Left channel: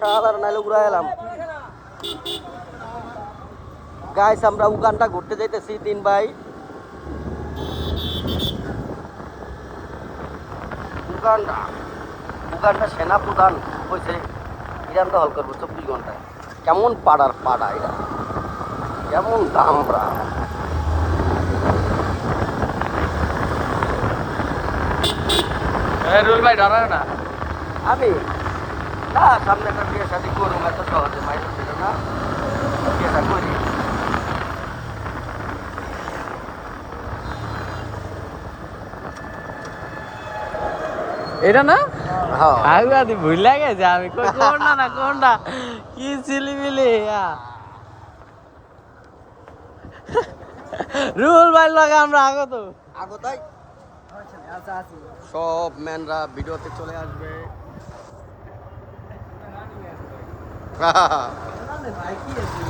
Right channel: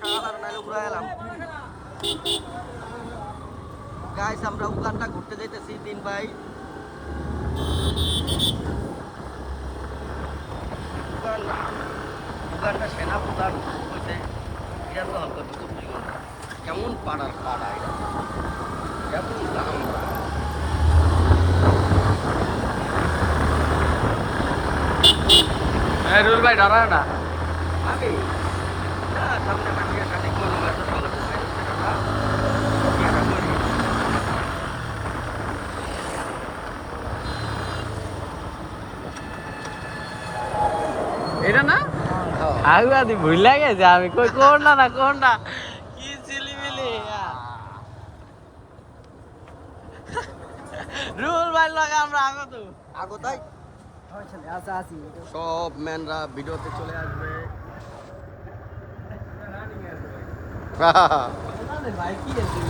সাধারণ আলো ঘুরে এলাম গাইস, আমরা উগান্ডা ঘুরতে যাইতেছি। দিন ভাই উগান্ডা উগান্ডা সেনা প্রধান হয়েছে ইরান দখল করবো 24 ঘন্টায়। কেমন পাড়ার পাড়া এটা, কেমন দামরা। রুল ভাই ডরায় না। আমি না সামনে একটা বিয়ে শাদি করবো, এত সহজে মাইনে ছিল না, বিয়েটা করি। এটা না হ্যাঁ আগুয়াদি ভুল গেছে আমি কই কোনটা না কোনটা কি ছিলিমিলি রুল ভাই লাগে আমরা আগত আগতাই আচ্ছা আছি সব ম্যানরা ভিডিওতে চলে আসবে। ভাই কি আছে